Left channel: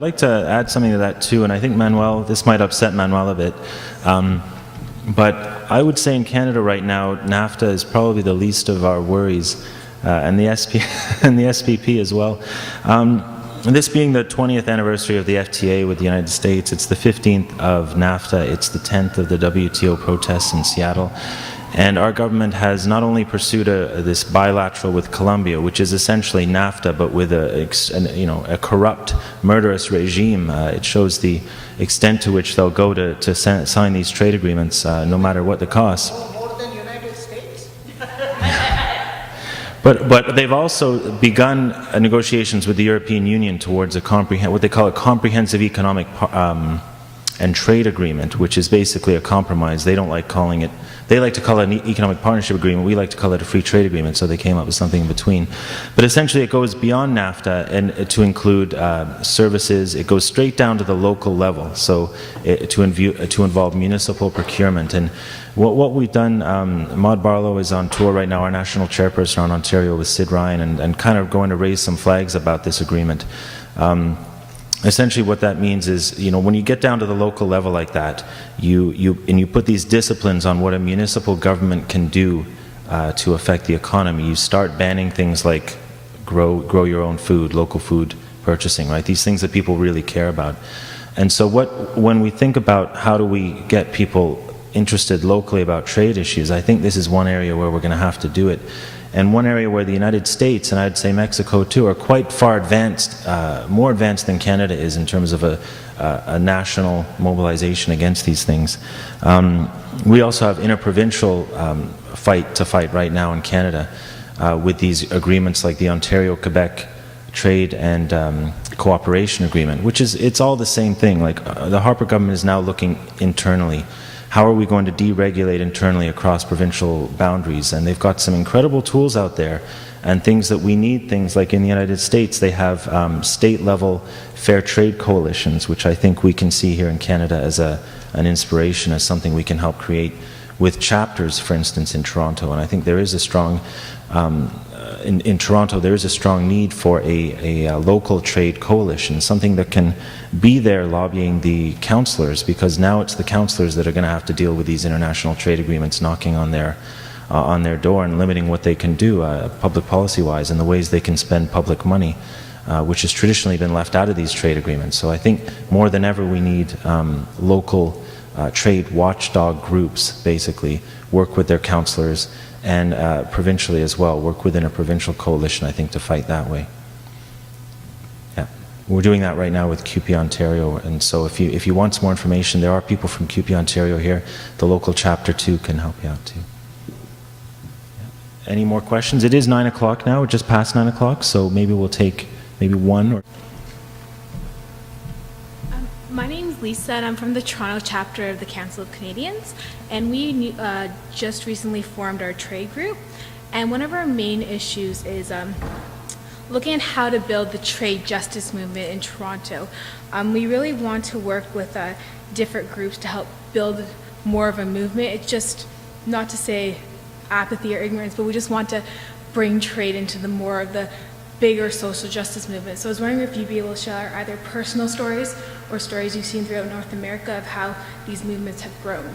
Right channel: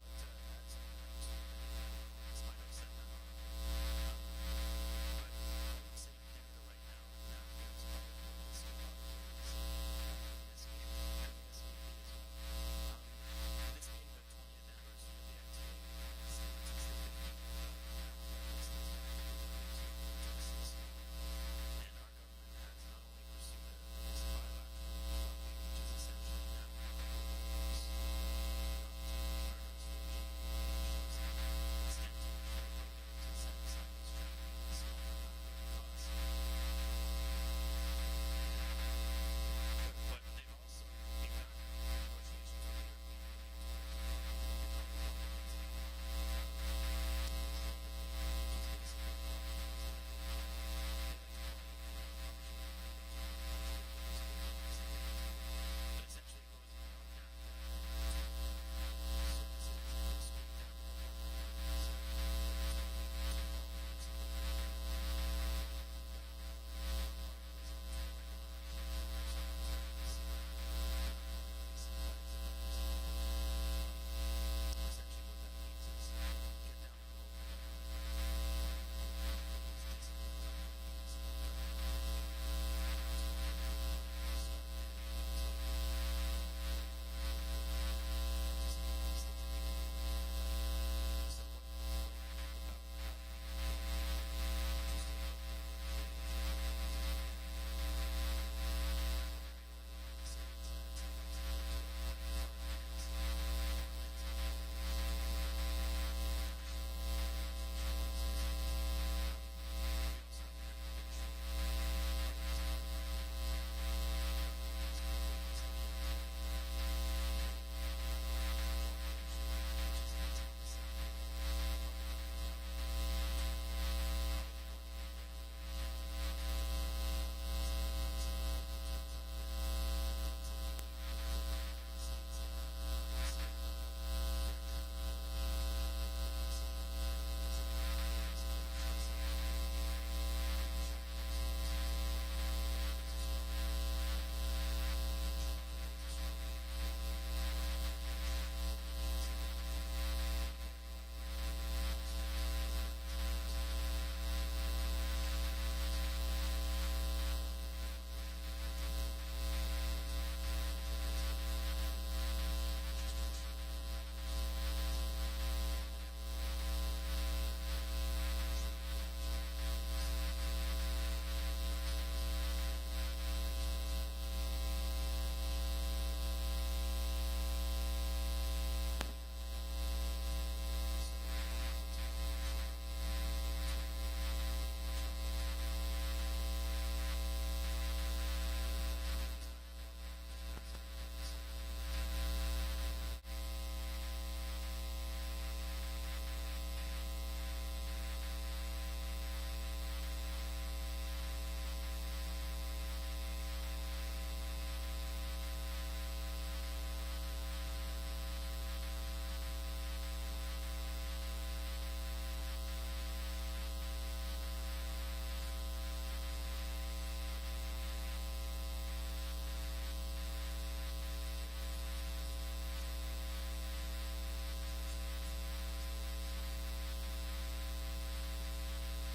I'd like to add something to that too, and I think Manuel, this might upset Manuel a bit, but I would say in Canada right now, NAFTA is probably the least of our worries, and the and the SPP as well. This being the 20th anniversary of the FTA with the United States, it's the 15th of NAFTA, it's the 10th of the WTO protests in Seattle. And our government has not only pursued this bilateral with Colombia, which is essentially NAFTA, but with a corrupt, murderous regime. It shows the extent to which they'll go to sign these trade agreements, no matter what the cost. More than United States? But they've also begun negotiations with the European Union towards what they call a comprehensive economic and trade agreement, which is basically a compromise. They don't like calling it. They like to call it an economic partnership agreement. We like to call it a free trade agreement, so they came up with something in between. But essentially it goes beyond NAFTA and to include services. It goes straight down to the local level, so to involve municipal procurement. And what we've done, Maud Barlow is on tour right now, our national chairperson on Ontario with Sid Ryan, and kind of going to raise some flags about this agreement. Essentially what that means is, when you get down to the local level like that, you put these disciplines on what a municipal government can do to affect the economy. You start banning things like grow your own food, local food purchasing, right? These things that people really care about. And so when we think about how do we get people interested locally about trade issues, I think this is one area where we're going to have to do it. And one area where the United States, and I'd say Mexico too, are quite far advanced, more advanced than Canada is in terms of a national mobilization against these things. We also have interprovincial fight to fight right now in Canada with these agreements like the Ontario-Quebec Trade and Cooperation Agreement, which is, it's all the same thing. Like the Harper government is now looking internally. How are we going to deregulate internally across provincial boundaries? And they've got some incredible tools out there and things that we need. Things like in the United States, they have state-level fair trade coalitions, which I think we can see here in Canada as an inspiration, as something we can help create with chapters, for instance, in Toronto. And I think there is a strong, in Toronto, there is a strong need for a local trade coalition, something that can be there lobbying the councillors, because now it's the councillors that are going to have to deal with these international trade agreements knocking on their door and limiting what they can do public policy-wise and the ways they can spend public money, which has traditionally been left out of these trade agreements. So I think more than ever we need local trade watchdog groups, basically, work with their councillors and provincially as well, work within a provincial coalition, I think, to fight that way. Yeah. We're doing that right now with QP Ontario, and so if you want some more information, there are people from QP Ontario here. The local chapter too can help you out too. Any more questions? It is 9 o'clock now, just past 9 o'clock, so maybe we'll take maybe one or... My name is Lisa, and I'm from the Toronto chapter of the Council of Canadians, and we just recently formed our trade group, and one of our main issues is looking at how to build the trade justice movement in Toronto. We really want to work with different groups to help build more of a movement. It's just not to say apathy or ignorance, but we just want to bring trade into the more of the bigger social justice movement. So I was wondering if you'd be able to share either personal stories or stories you've seen throughout North America of how these movements have grown.